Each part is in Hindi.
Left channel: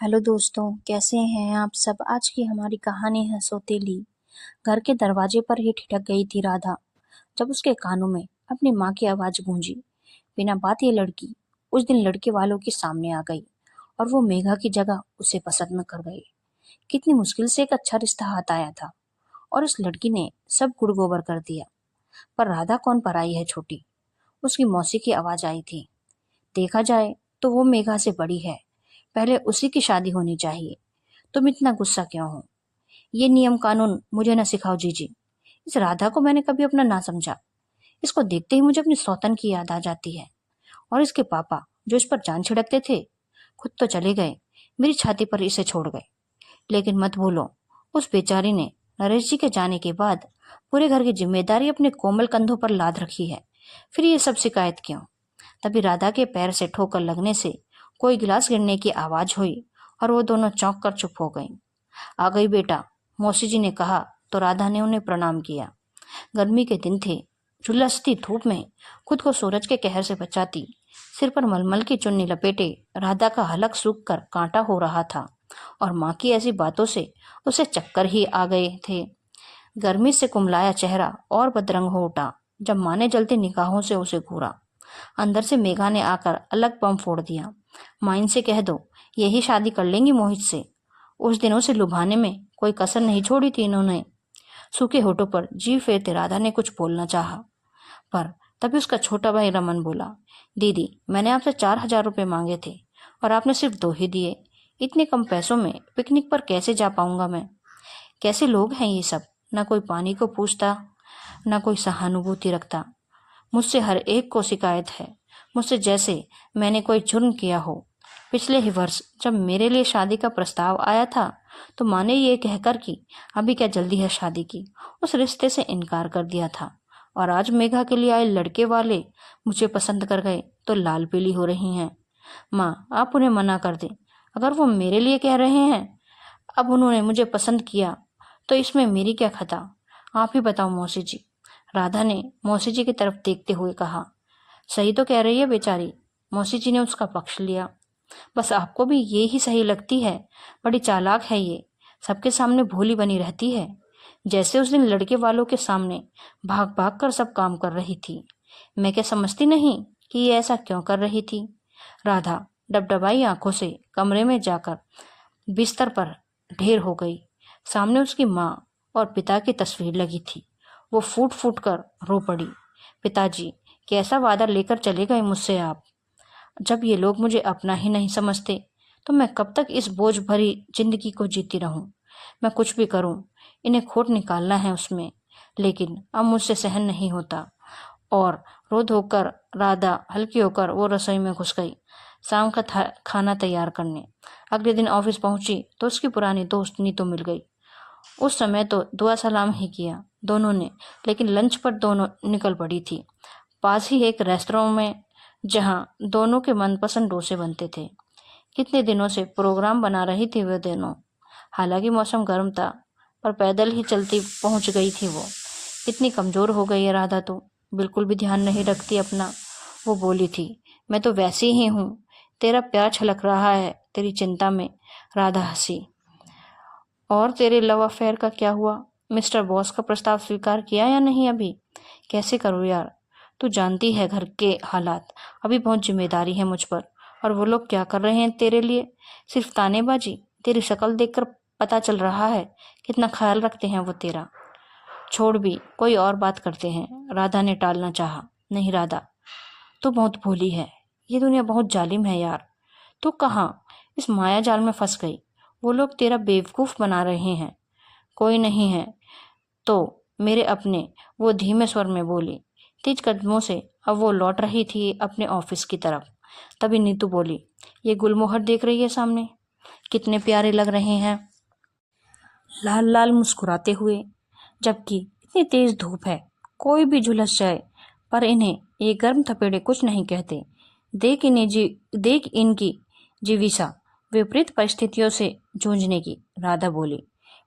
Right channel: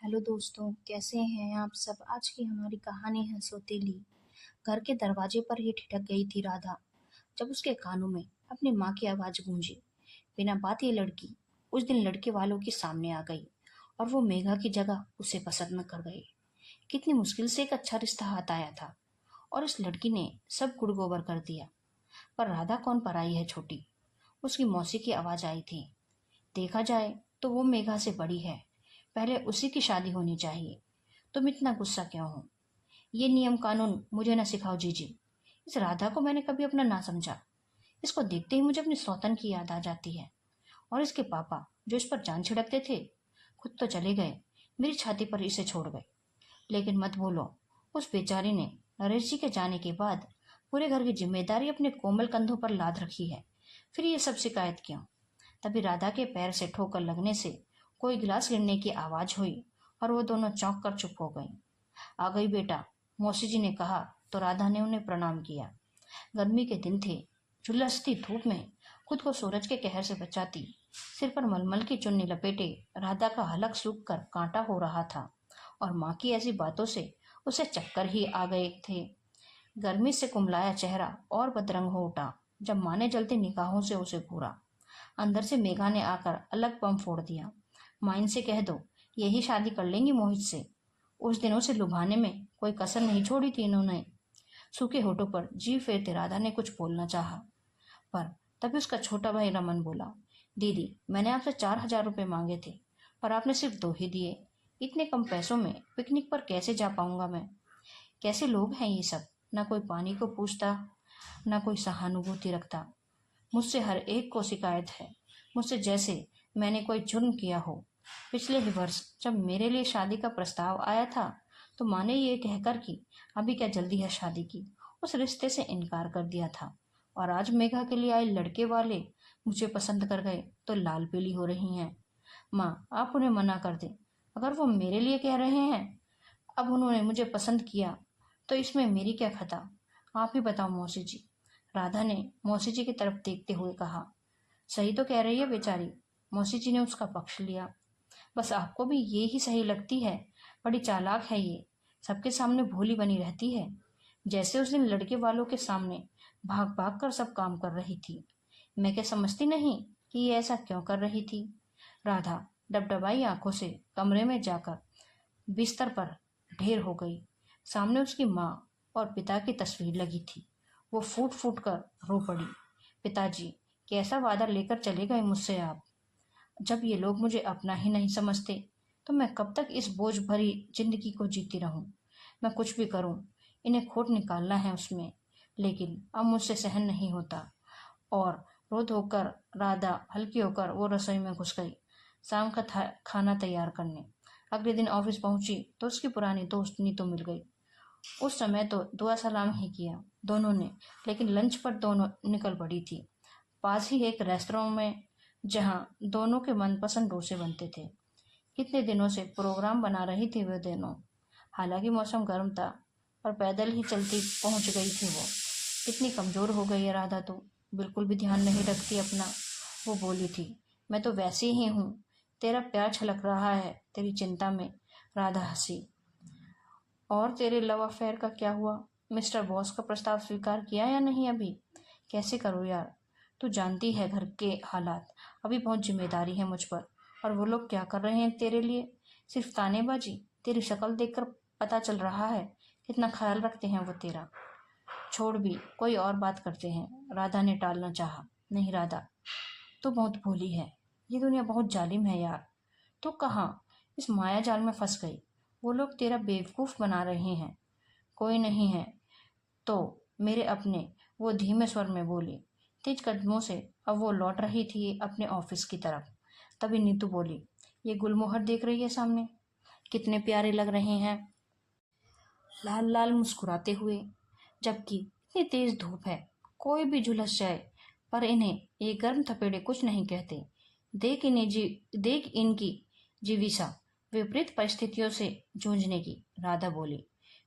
हेलो दोस्तों, कैसे हैं आप सब। आज की हमारी कहानी है सौतेली। घर के दरवाजे पर ही ठिठक गई थी राधा जब उसके कानों में अपनी माँ की आवाज गूंजी। बिना बात ये लड़की उस दिन लड़के वालों के सामने आ गई और वो मेघा की जगह उसे पसंद कर गई। कितनी मुश्किल से एक अच्छा रिश्ता हाथ आया था और इस लड़की ने सब गुड़ गोबर कर दिया। पर राधा कौन पराई है छोटी, उसकी मौसी की आवाज आई थी। देखा जाए तो वो मेघा से बड़ी है, पहले उसी की शादी होनी चाहिए। तुम इतना गुस्सा क्यों हो? ये नियम कानून मुझे न सिखाओ जीजी। इस राधा को मैंने कभी अपना ना समझा। इसको देखते ही मुझे अपनी सौतन की याद आ जाती है। और इसके पापा जो इस पर जान छिड़कते थे, खुद तो चले गए, मेरी छाती पर इसे छोड़ गए। लेकिन मत भूलो, उस बेचारी ने नरेश जी के जाने के बाद पूरे घर की जिम्मेदारी अपने कोमल कंधों पर लाद रखी है। फिर ये सब शिकायत क्यों? तभी राधा के पैर से ठोकर लगने से कोई गिलास गिरने की आवाज हुई और वो दोनों चौंक कर चुप हो गईं। आ गई बेटा, मौसी जी ने कहा तो राधा ने उन्हें प्रणाम किया। गर्मी के दिन थे। झुलसती धूप में खुद को सूरज के कहर से बचाती सिर पर मलमल की चुन्नी लपेटे राधा का हलक सूख कर कांटा हो रहा था। और माँ की ऐसी बातों से उसे चक्कर ही आ गए थे। गर्मी से कुमलाया चेहरा और बदरंग हो उठा जब माँ ने जलती निगाहों से उसे घूरा। अंदर से मेघा ने आकर अलग बम फोड़ दिया। माँ इनसे कह दो, यही शादी कर लेंगी मोहित से। उस दिन उसे लुभाने में कोई कसर नहीं छोड़ी थी इन्होंने। सूखे होठों पर जी फेरते राधा ने कुछ बोलना चाहा, पर तभी उसका छोटा भाई रमन बोला, दीदी मैंने आपसे 4,000 रुपये मांगे थे और आपने सिर्फ 2 ही दिए। इतने कम पैसों में पिकनिक पर कैसे जा पाऊंगा मैं? कैसे लोग हैं ये सब, ना कोई पानी को पूछता, ना कोई सहानुभूति रखता। मुझसे हर एक को शिकायत है, मुझसे जैसे मैंने कोई जुर्म किया हो। पिछले ही वर्ष जब मेरे लिए शादी का प्रस्ताव आया था तो माँ ने ये कहकर कि अभी क्या जल्दी है शादी की, उस रिश्ते से इनकार कर दिया था। और आज मेघा के लिए आए लड़के वाले मुझे पसंद कर गए तो लाल पीली हो रही हैं। माँ आप उन्हें मना कर दें, अगर वो मेरे लिए कह रहे हैं। अब उन्होंने मुझे पसंद किया तो इसमें मेरी क्या खता? आप ही बताओ मौसी जी। राधा ने मौसी जी की तरफ देखते हुए कहा। सही तो कह रही है बेचारी, मौसी जी ने उसका पक्ष लिया। बस आपको भी ये ही सही लगती है, बड़ी चालाक है ये, सबके सामने भोली बनी रहती है। जैसे उस दिन लड़के वालों के सामने भाग भाग कर सब काम कर रही थी। मैं क्या समझती नहीं कि ये ऐसा क्यों कर रही थी? राधा डबडबाई आंखों से कमरे में जाकर बिस्तर पर ढेर हो गई। सामने उसकी माँ और पिता की तस्वीर लगी थी। वो फूट फूट कर रो पड़ी। पिताजी, कैसा वादा लेकर चले गए मुझसे आप? जब ये लोग मुझे अपना ही नहीं समझते तो मैं कब तक इस बोझ भरी जिंदगी को जीती रहूं? मैं कुछ भी करूं, इन्हें खोट निकालना है उसमें, लेकिन अब मुझसे सहन नहीं होता। और रो धोकर राधा हल्की होकर वो रसोई में घुस गई शाम का खाना तैयार करने। अगले दिन ऑफिस पहुंची तो उसकी पुरानी दोस्त नीतू मिल गई। उस समय तो दुआ सलाम ही किया दोनों ने, लेकिन लंच पर दोनों निकल पड़ी थी। पास ही एक रेस्तरां में जहां दोनों के मनपसंद डोसे बनते थे। कितने दिनों से प्रोग्राम बना रही थी वे दोनों। हालांकि मौसम गर्म था, पर पैदल ही चलती पहुंच गई थी वो। इतनी कमजोर हो गई है राधा तो, बिल्कुल भी ध्यान नहीं रखती अपना। वो बोली थी, मैं तो वैसी ही हूँ, तेरा प्यार छलक रहा है तेरी चिंता में। राधा हंसी। और तेरे लव अफेयर का क्या हुआ? मिस्टर बॉस का प्रस्ताव स्वीकार किया या नहीं अभी? कैसे करूँ यार, तू जानती है घर के हालात। अभी बहुत जिम्मेदारी है मुझ पर। और वो लोग क्या कर रहे हैं तेरे लिए? सिर्फ तानेबाजी। तेरी शक्ल देखकर पता चल रहा है कितना ख्याल रखते हैं वो तेरा। छोड़ भी, कोई और बात करते हैं। राधा ने टालना चाहा। नहीं राधा, तू बहुत भोली है, ये दुनिया बहुत जालिम है यार। तू कहाँ इस माया जाल में फंस गई? वो लोग तेरा बेवकूफ बना रहे हैं। कोई नहीं है तो मेरे अपने, वो धीमे स्वर में बोली। तेज कदमों से अब वो लौट रही थी अपने ऑफिस की तरफ। तभी नीतू बोली, ये गुलमोहर देख रही है सामने, कितने प्यारे लग रहे हैं, लाल लाल मुस्कुराते हुए। जबकि इतनी तेज धूप है, कोई भी झुलस जाए, पर इन्हें ये गर्म थपेड़े कुछ नहीं कहते। देख इनकी जीविसा विपरीत परिस्थितियों से जूझने की। राधा बोली,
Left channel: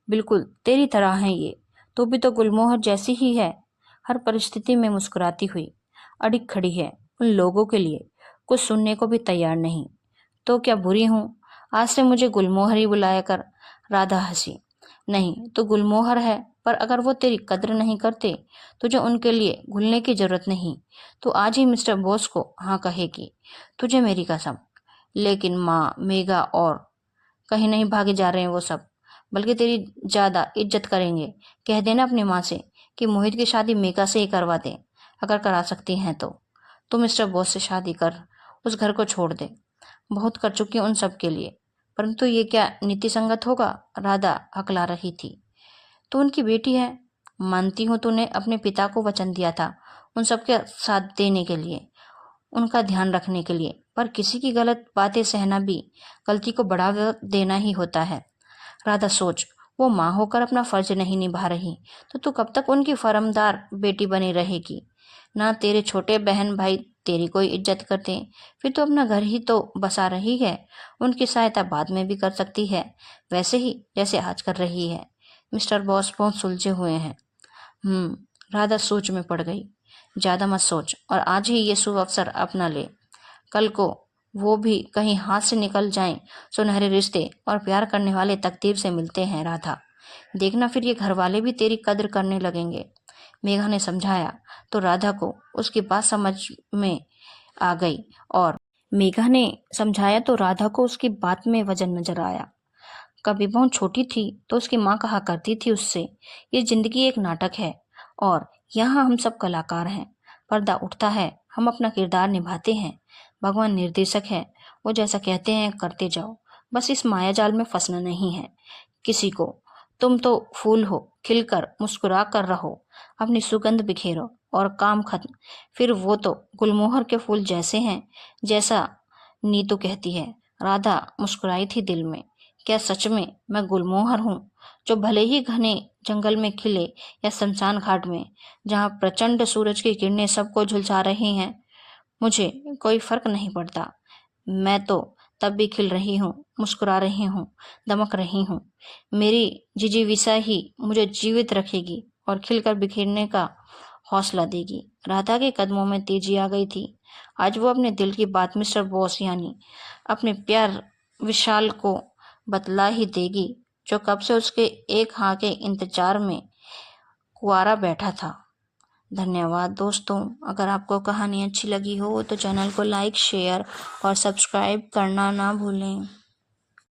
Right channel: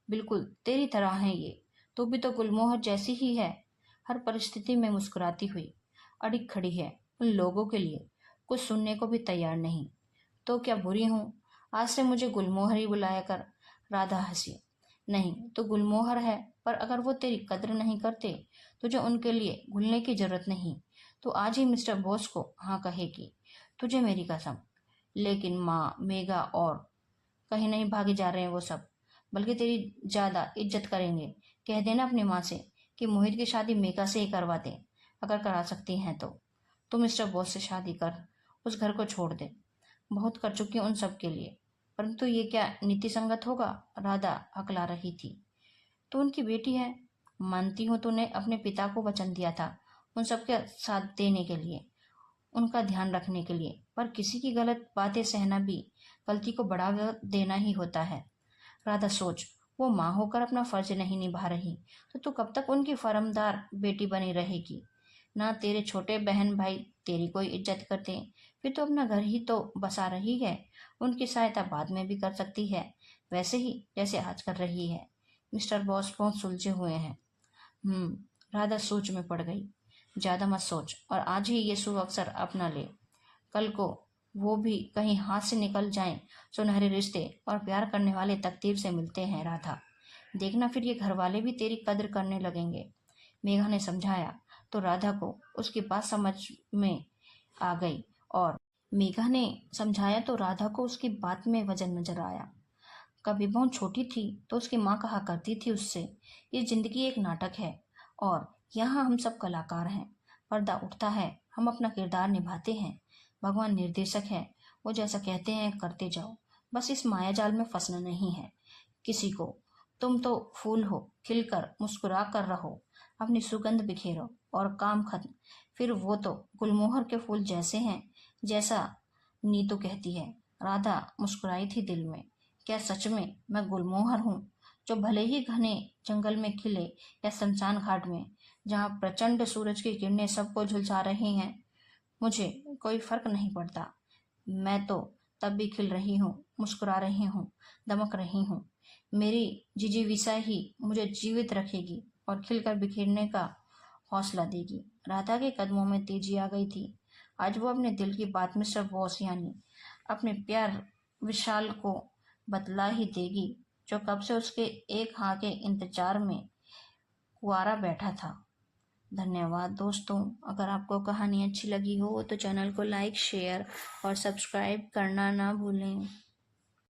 बिल्कुल तेरी तरह है ये, तू भी तो गुलमोहर जैसी ही है। हर परिस्थिति में मुस्कुराती हुई अड़िग खड़ी है, उन लोगों के लिए कुछ सुनने को भी तैयार नहीं। तो क्या बुरी हूं? आज से मुझे गुलमोहर ही बुलाया कर। राधा हंसी। नहीं, तो गुलमोहर है, पर अगर वो तेरी कद्र नहीं करते, तुझे उनके लिए घुलने की जरूरत नहीं। तू आज ही मिस्टर बोस को हाँ कहेगी, तुझे मेरी कसम। लेकिन माँ, मेघा और कहीं नहीं भागे जा रहे हैं वो सब, बल्कि तेरी ज्यादा इज्जत करेंगे। कह देना अपनी माँ से कि मोहित की शादी मेघा से ही करवा दे, अगर करा सकती हैं तो। तू मिस्टर बोस से शादी कर, उस घर को छोड़ दे। बहुत कर चुकी हूं उन सब के लिए, परंतु ये क्या नीति संगत होगा? राधा हकला रही थी। तू उनकी बेटी है, मानती हूँ तूने अपने पिता को वचन दिया था उन सबके साथ देने के लिए, उनका ध्यान रखने के लिए, पर किसी की गलत बातें सहना भी गलती को बढ़ावा देना ही होता है। राधा सोच, वो माँ होकर अपना फर्ज नहीं निभा रही तो तू कब तक उनकी फर्मदार बेटी बनी रहेगी? ना तेरे छोटे बहन भाई तेरी कोई इज्जत करते, फिर तो अपना घर ही तो बसा रही है। उनकी सहायता बाद में भी कर सकती है, वैसे ही जैसे आज कर रही है। मिस्टर बॉस बहुत सुलझे हुए हैं। राधा सोच में पड़ गई। ज्यादा मत सोच और आज ही ये शुभ अवसर अपना ले। कल को वो भी कहीं हाथ से निकल जाएं। सुनहरे रिश्ते और प्यार करने वाले तकदीर से मिलते हैं राधा। देखना फिर ये घर वाले भी तेरी कद्र करने लगेंगे। मेघा ने समझाया तो राधा को उसकी बात समझ में आ गई और मेघा ने समझाया तो राधा को उसकी बात में वजन नजर आया। कभी बहुत छोटी थी तो उसकी माँ कहा करती थी उससे, ये जिंदगी एक नाटक है और यहाँ हम सब कलाकार हैं। पर्दा उठता है, हम अपना किरदार निभाते हैं। भगवान निर्देशक है, वो जैसा कहते हैं करते जाओ, बस इस माया जाल में फंसना नहीं है किसी को। तुम तो फूल हो, खिलकर मुस्कुरा कर रहो, अपनी सुगंध बिखेरो और काम खत्म। फिर वो तो गुलमोहर के फूल जैसे हैं, जैसा नीतू कहती है। राधा मुस्कुराई थी दिल में। क्या सच में मैं गुलमोहर हूँ, जो भले ही घने जंगल में खिले या शमशान घाट में, जहाँ प्रचंड सूरज की किरणें सबको झुलसा रही हैं, मुझे कोई फर्क नहीं पड़ता। मैं तो तब भी खिल रही हूँ, मुस्कुरा रही हूँ, दमक रही हूँ। मेरी जिजीविसा ही मुझे जीवित रखेगी और खिलकर बिखेरने का हौसला देगी। राधा के कदमों में तेजी आ गई थी। आज वो अपने दिल की बात मिस्टर बॉस यानी अपने प्यार विशाल को बतला ही देगी, जो कब से उसके एक हाँ के इंतजार में कुआरा बैठा था। धन्यवाद दोस्तों। अगर आपको कहानी अच्छी लगी हो तो चैनल को लाइक, शेयर और सब्सक्राइब करना ना भूलें।